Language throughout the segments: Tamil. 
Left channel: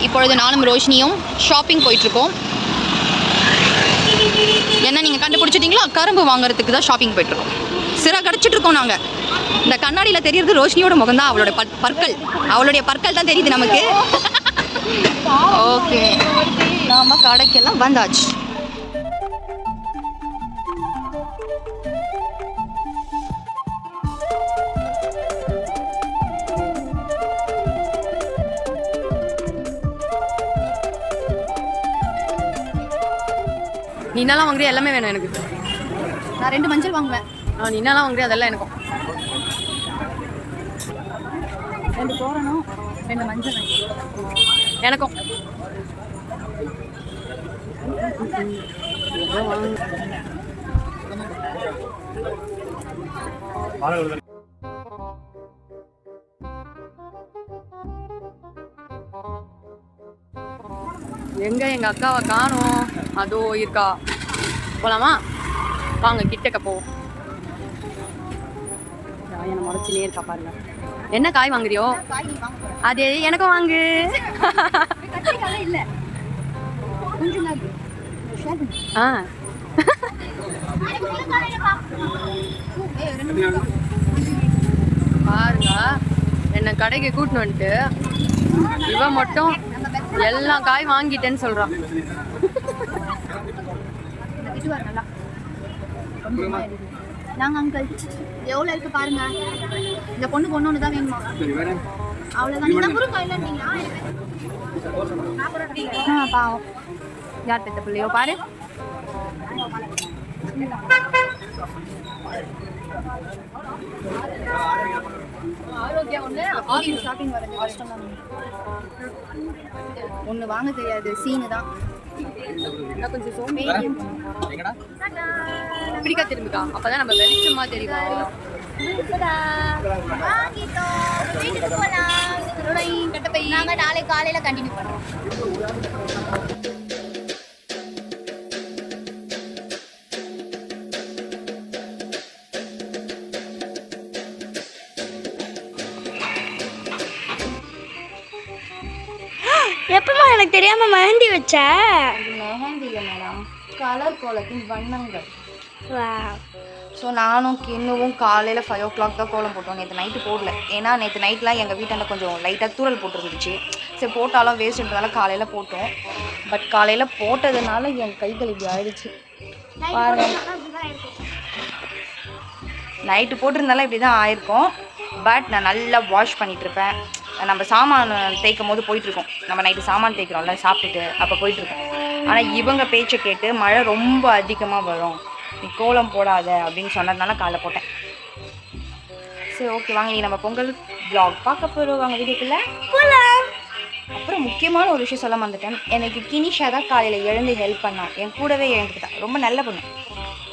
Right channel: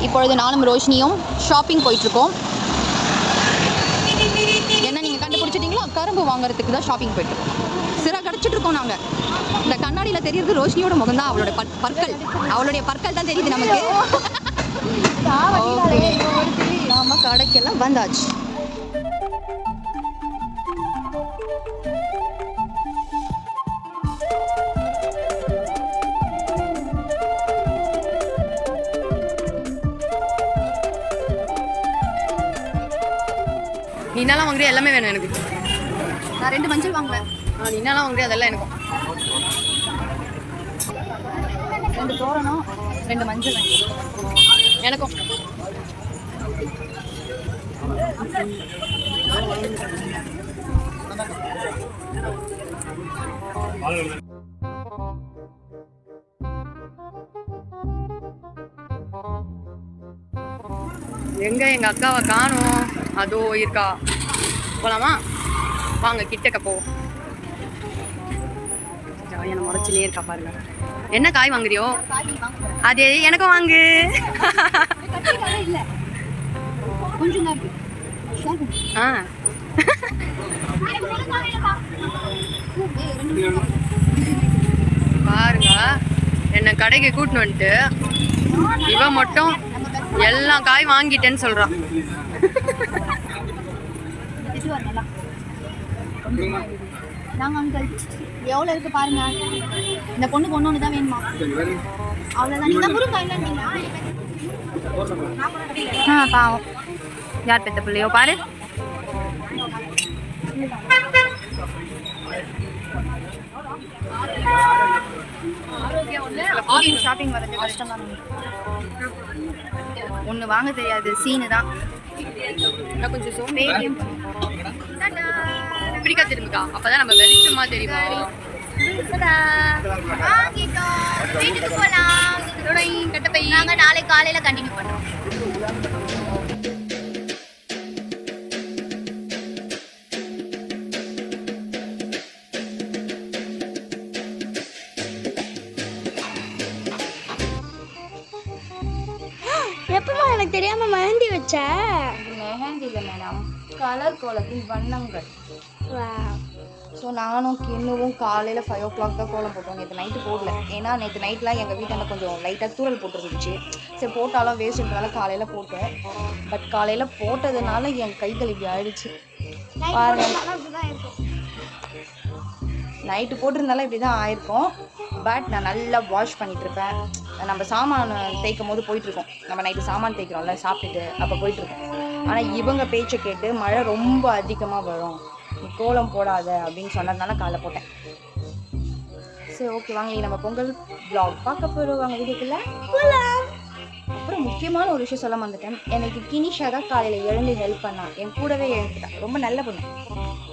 இப்பொழுது நானும் ரோஷினியும் ஷாப்பிங் போயிட்டுருக்கோம். என்ன நீங்கள் கண்டுபிடிச்சிட்டிங்களா? கரும்பு வாங்குறதுக்கு தான் ஷாப்பிங் போயிட்டுருக்கோம். சிற கடிச்சிட்டு இருக்கோம் நாங்கள் இந்த கண்ணாடியில் தெரியறது ரோஷினியோட முகம் தான் அவளுடைய பற்- பற்கள். அவளுடைய பற்கள் தான் தெரியுது நமக்கு. ஓகே நாம கடைக்கெல்லாம் வந்தாச்சு. நீ என்னலாம் வாங்குறியா? எல்லாமே வேணும் எனக்கு. நான் ரெண்டு மஞ்சள் வாங்குவேன். ஆ நீ என்னலாம் வாங்குறியா? அதெல்லாம் எனக்கும் ரெண்டு தோரணம் ரெண்டு மஞ்சள் எனக்கும். எங்க எங்க அக்காவை காணோம். அதோ இருக்கா. போகலாமா வாங்க கிட்டக்க போவோம். என்ன முறைச்சினே இருக்கா பாருங்க. என்ன காய் வாங்குறியோ? அது எனக்கும் வாங்கு. ஆ. பாருங்க என்னை கடைக்கு கூட்டின்னு வந்துட்டு இவன் மட்டும் எல்லா காய் வாங்கிட்டேன்னு சொல்றான் திட்டுவார் நல்லா நாங்க அங்கிள் எவ்வளோ இருக்கு பாருங்க. இந்த பொண்ணுக்கு ஒன்று ஒன்று தான் வேணுமா அவ்வளோதான் என்ன முருங்கா ஆ பாவம். யார் பெத்த பிள்ளையோ பாரு. ஷாப்பிங் வரது கஷ்டம் தான். ஒன்று வாங்க தெரியாது சீனு தான். கொஞ்சம் சோம்பேறியும் பிடிக்கா திரும்பிக்கா. அப்பதான் நம்ம வெளிச்சமா தெரியும்? வீட்டுக்கு போகலாம் கட்டப்பை நாங்கள் நாளை காலையில் கண்டினியூ பண்ணுறோம் எப்பமா எனக்கு தெரியாம மெஹந்தி வச்ச? மெஹந்தி இல்லை மேடம் கலர் கோலத்தின் வண்ணங்கள். ஸோ நானும் கிண்ணுவும் காலையில் ஃபைவ் ஓ கிளாக் தான் கோலம் போட்டோம். நேற்று நைட்டு போடல. ஏன்னா நேற்று நைட்லாம் எங்கள் வீட்டாண்ட கொஞ்சம் லைட்டாக தூரல் போட்டுருந்துச்சு. சரி போட்டாலும் வேஸ்ட்ன்றதால காலையில் போட்டோம். பட் காலையில் போட்டதுனால என் கைகள் இப்படி ஆயிடுச்சு. பாருங்க. நைட்டு போட்டிருந்தாலும் இப்படி தான் ஆயிருக்கும். பட் நான் நல்லா வாஷ் பண்ணிட்டு இருப்பேன். நம்ம சாமான் தேய்க்கும் போது போயிட்டுருக்கோம். நம்ம நைட்டு சாமான் தேய்க்கிறோம்ல சாப்பிட்டுட்டு அப்போ போயிட்டுருக்கோம். ஆனால் இவங்க பேச்சை கேட்டு மழை ரொம்ப அதிகமாக வரும். நீ கோலம் போடாத அப்படின்னு சொன்னதுனால காலைல போட்டேன். சரி ஓகே வாங்க நம்ம பொங்கல் vlog பார்க்க போகிறோம் வாங்க வீடியோக்குள்ள அப்புறம் முக்கியமான ஒரு விஷயம் சொல்ல வந்துட்டேன் எனக்கு கினிஷா தான் காலையில் எழுந்து ஹெல்ப் பண்ணா. என் கூடவே எழுந்துக்கிட்டா. ரொம்ப நல்ல பொண்ணு.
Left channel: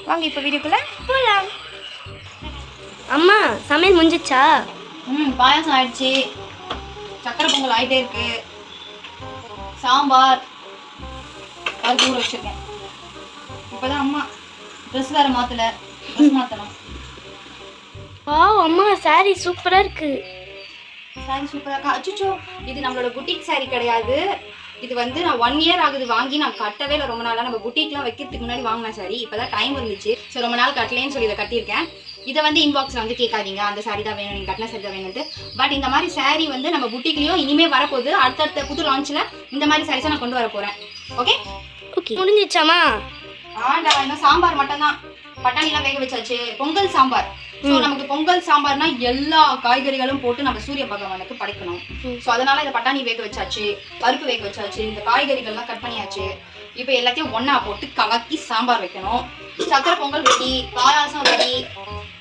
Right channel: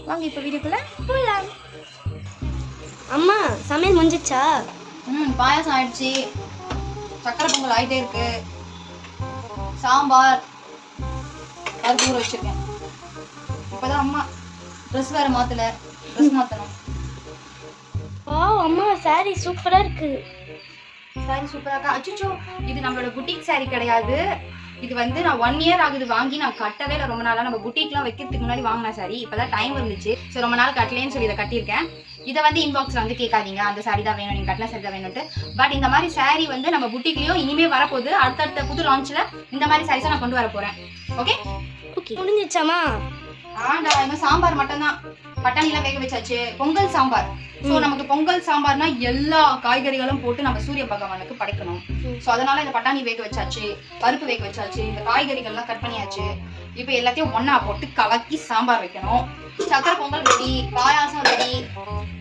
வாங்க இப்போ வீடியோக்குள்ள அம்மா சமையல் முடிஞ்சிச்சா? ம் பாயாசம் ஆயிடுச்சு. சக்கரை பொங்கல் ஆயிட்டே இருக்கு. சாம்பார் பருப்பு ஊற வச்சிருக்கேன். இப்போதான் அம்மா ட்ரெஸ் வேற மாத்தல. ட்ரெஸ் மாத்தணும். வா அம்மா சாரி சூப்பரா இருக்கு. சாரி சூப்பரா இருக்கா? அச்சுச்சோ இது நம்மளோட புட்டிக் சாரி கிடையாது. இது வந்து நான் ஒன் இயர் ஆகுது வாங்கி நான் கட்டவே இல்லை. ரொம்ப நாளாக நம்ம புட்டிக்லாம் வைக்கிறதுக்கு முன்னாடி வாங்கின சாரி இப்போதான் டைம் இருந்துச்சு. சரி ரொம்ப நாள் கட்டலேன்னு சொல்லி இதை கட்டியிருக்கேன். இதை வந்து இன்பாக்ஸில் வந்து கேட்காதீங்க. அந்த சாரி தான் வேணும் நீங்கள் கட்டின சாரி தான் வேணும்ட்டு பட் இந்த மாதிரி சாரி வந்து நம்ம புட்டிக்லேயும் இனிமேல் வரப்போகுது. அடுத்தடுத்த புது லான்ச்சில் இந்த மாதிரி சாரீஸை நான் கொண்டு வர போகிறேன் ஓகே ஓகே. முடிஞ்சிச்சாமா ஆண்டா இன்னும் சாம்பார் மட்டும்தான். பட்டாணிலாம் வேக வச்சாச்சு பொங்கல் சாம்பார். ஸோ நமக்கு பொங்கல் சாம்பார்னா எல்லா காய்கறிகளும் போட்டு நம்ம சூரிய பகவானுக்கு படைக்கணும். ஸோ அதனால இந்த பட்டாணி வேக வச்சாச்சு பருப்பு வேக வச்சாச்சு இந்த காய்கறிகள்லாம் கட் பண்ணியாச்சு. இப்போ எல்லாத்தையும் ஒண்ணா போட்டு கலக்கி சாம்பார் வைக்கணும். சக்கரை pongal ready payasam ready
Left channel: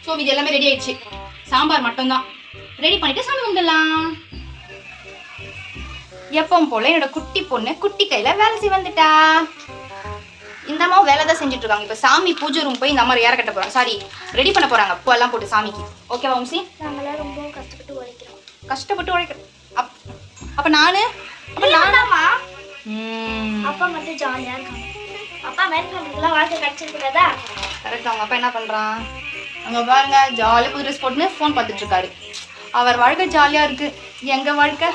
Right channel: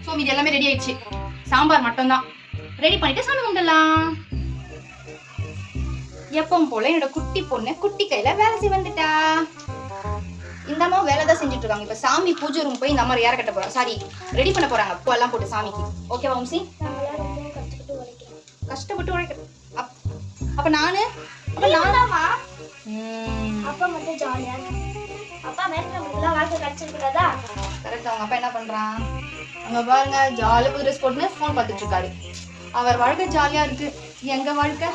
so இது எல்லாமே ரெடி ஆயிடுச்சு. சாம்பார் மட்டும்தான். ரெடி பண்ணிட்டு சாமி கும்பிடலாம். எப்பவும் போல என்னோட குட்டி பொண்ணு குட்டி கையில வேலை செய்ய வந்துட்டா. இந்த அம்மா வேலை தான் செஞ்சுட்டு இருக்காங்க இப்போ சாமி பூஜை ரூம் போய் இந்த அம்மா ஏற கட்ட போறாங்க. சாரி ரெடி பண்ண போறாங்க. பூ எல்லாம் போட்டு சாமிக்கு. ஓகேவா வம்சி ரொம்ப கஷ்டப்பட்டு உழைக்கிறோம். கஷ்டப்பட்டு உழைக்க அப் அப்ப நானு? அப்ப நானாமா அப்பா மட்டும் ஜாலியா இருக்காங்க. அப்பா மேற்கொண்டுலாம் வாழ்க்கை கிடைச்சிருக்கிறதா கரெக்ட் அவங்க அப்பா என்ன பண்றான்? அங்க பாருங்க ஜாலியாக புது ட்ரெஸ் போட்டுன்னு ஃபோன் பார்த்துட்டு இருக்காரு அவர் வாழ்க்கை ஜாலியா இருக்கு. எங்க வாழ்க்கை?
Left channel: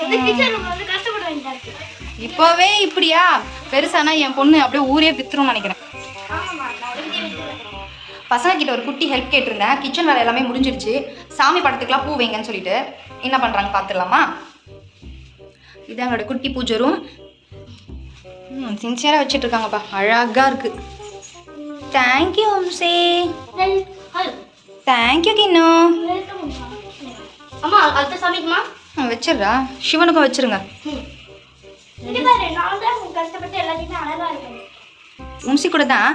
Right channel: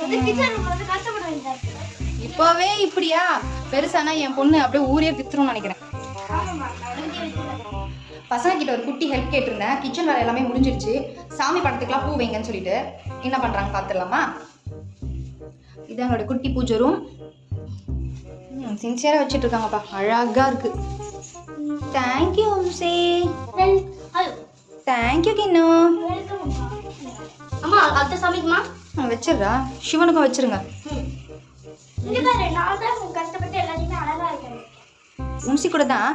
வந்து கிச்சன் வந்து கஷ்டப்படுறாங்க இப்படிதான் இருக்கு. இப்போவே இப்படியா? பெருசானா என் பொண்ணு அப்படியே ஊரே வித்துரும்னு நினைக்கிறேன். பசங்க கிட்ட ஒரு குட்டி ஹெல்ப் கேட்டிருந்தேன். கிச்சன் வேலை எல்லாமே முடிஞ்சிருச்சு. சாமி படத்துக்குலாம் பூ வைங்கன்னு சொல்லிட்டு. என்ன பண்ணுறாங்க பார்த்துடலாமா? இது எங்களோட குட்டி பூஜை ரூம் சின்சியராக வச்சுட்டு இருக்காங்கப்பா அழகாக இருக்கு. Thank you hello thank you கிண்ணு. வச்சிடுறா. சிவனுக்கும் வச்சிருங்க. உம்சி கூட தான்?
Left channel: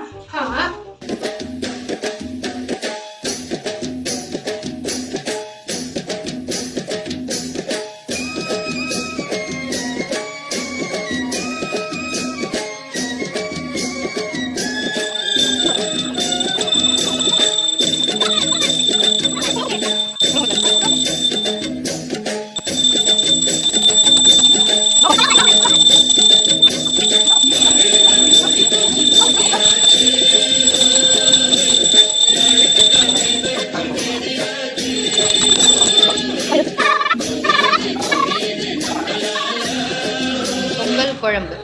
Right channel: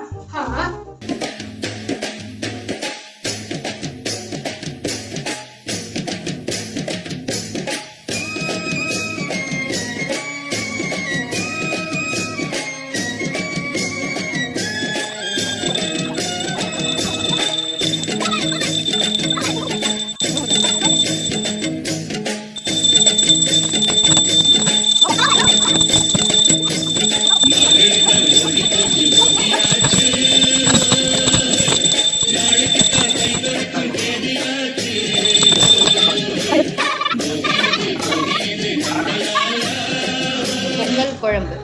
குழம்பு.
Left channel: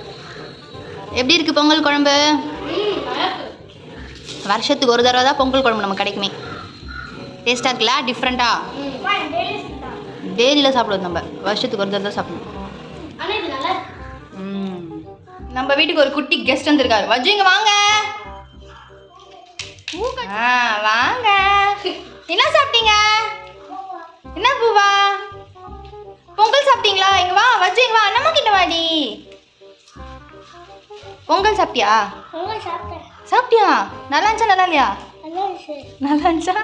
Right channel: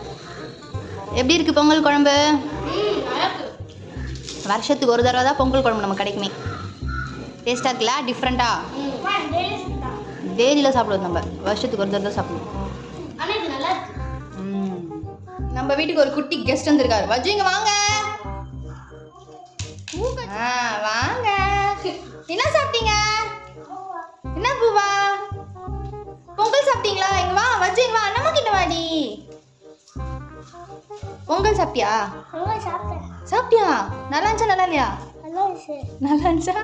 எப்படி இருக்கு பொங்கல் குழம்பு? வருஷத்துக்கு ஒரு தடவை தான் பொங்கல் குழம்பு நம்ம கிடைக்குமே. டேஸ்ட்டாக இருக்குல்ல? டிஃப்ரெண்ட்டாக டெய்லியில் சாப்பிடுவோம் நம்ம. வருஷத்துக்கு ஒரு தடவை தான் சாப்பிடுவோம் நம்ம வீட்டுக்கு ஒரு குட்டி கெஸ்ட் வந்திருக்காரு. வஜ்ஜு வாங்க. வாங்க. என்ன சாப்பிட்டீங்க? என்ன பூவா? பொங்கல் சாப்பிட்டீங்களா? இங்க வா வஜ்ஜு வா. நம்ம கிட்ட வாடி. பொங்கல் சாப்பிட்டியா? நல்லா சாப்பிட்டேன். சாப்பிட்டியா? நல்லா இருந்துச்சா நல்லா இல்லையா? நல்லா இருந்துச்சா.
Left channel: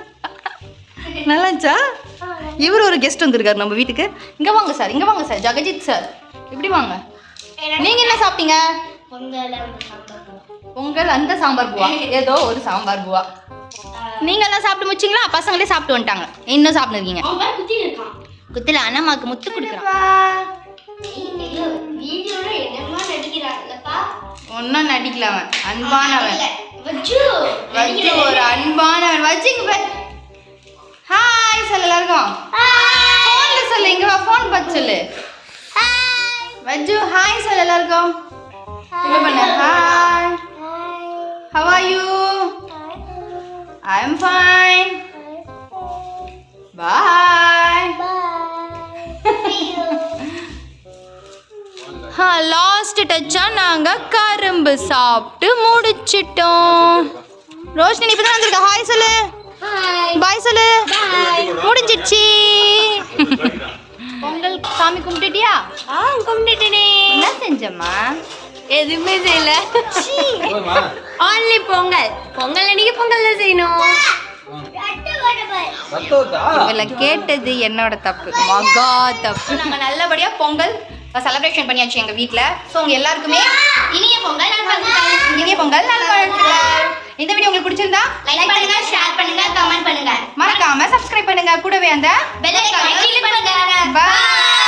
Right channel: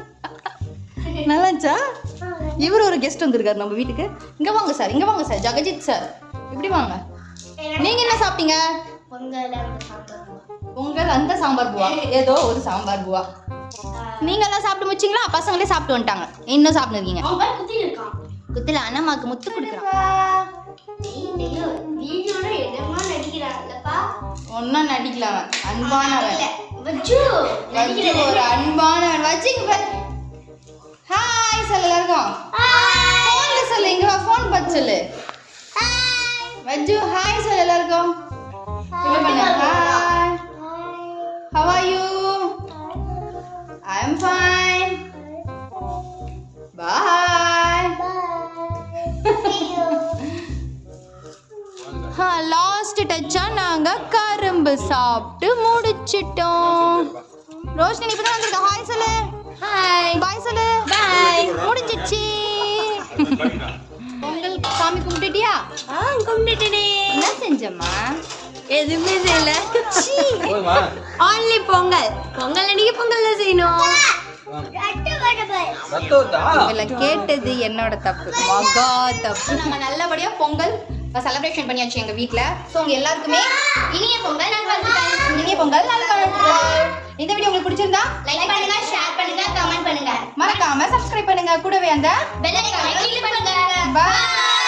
நல்லா இருந்துச்சா? இவர் ஒரு கெஸ்ட் வந்திருக்காரு நம்ம வீட்டுக்கு. இங்க வாங்க சார் இங்க வாங்க சார் ஜெகஜித் சார் இப்படி வாங்க? நீங்க என்ன சாப்பிட்டீங்க? பொங்கல் அந்த சாம்பார் பொங்கல் அந்த சாம்பார் பூவா. ஏதோ ஒரு சாம்பார் பூவா. நீங்க எல்லாம் சாப்பிட்டு முடிச்சிங்களா? பசங்களே சாப்பிட்டு வந்துட்டாங்க. இன்னும் சாப்பிட்டு இருக்கீங்க இருக்கான். குத்துல அண்ணம்மாக்கு முத்து கொடுக்குறான். வீடியோல என்னமா நடிக்கிறான்லப்பா. ஒன்றும் நடிக்கல அவன். அன்பானவன். வச்சு ஒரு அன்பானவன். வச்சுங்க ஹாய் சொல்லு எல்லாருக்கும். ஃபோன்ல சொல்லு இங்க வா ஃபோன் பார்த்து சொல்லு. வஜ்ஜு ஹாய் சொல்லு எல்லாருக்கும். இப்ப பண்ணு? Hi how are you I am fine bye last டச்சா நாங்க கரும்பு சாப்பிட்டு முடிச்சிட்டோம். ரோஷினி இப்பதான் வந்திருக்க. ஹாய் சொல்லு. பாய் சொல்லு. முடிஞ்சிடுச்சு. பொங்கல் சாமி கும்பிட்டுட்டியா? ஆ கும்பிட்டுட்டேனே. என்ன செஞ்சம்மா? எதுவுமே செய்யல. ஆன்லி பொங்கல். பொங்கல் அன்னைக்கு பொங்கல் தான் செய்யணும். இவள கேட்டது என்னோட தப்பு. மகா தப்பு. நாங்க நல்லபடியா பொங்கல் செலிப்ரேஷன் பண்ணியாச்சு எங்க வீட்ல. ஸோ உங்க எல்லாருக்குமே இனிய பொங்கல் இனிய பொங்கல் இந்த வீடியோ உங்களுக்கு பிடிச்சிருந்தா லைக் பண்ணுங்க ஷேர் பண்ணுங்க கமெண்ட் பண்ணுங்க. மறக்காம சப்ஸ்கிரைப் பண்ணுங்க. கூடவே அந்த பெல் ஐகானை கிளிக் பண்ணுங்க. Bye.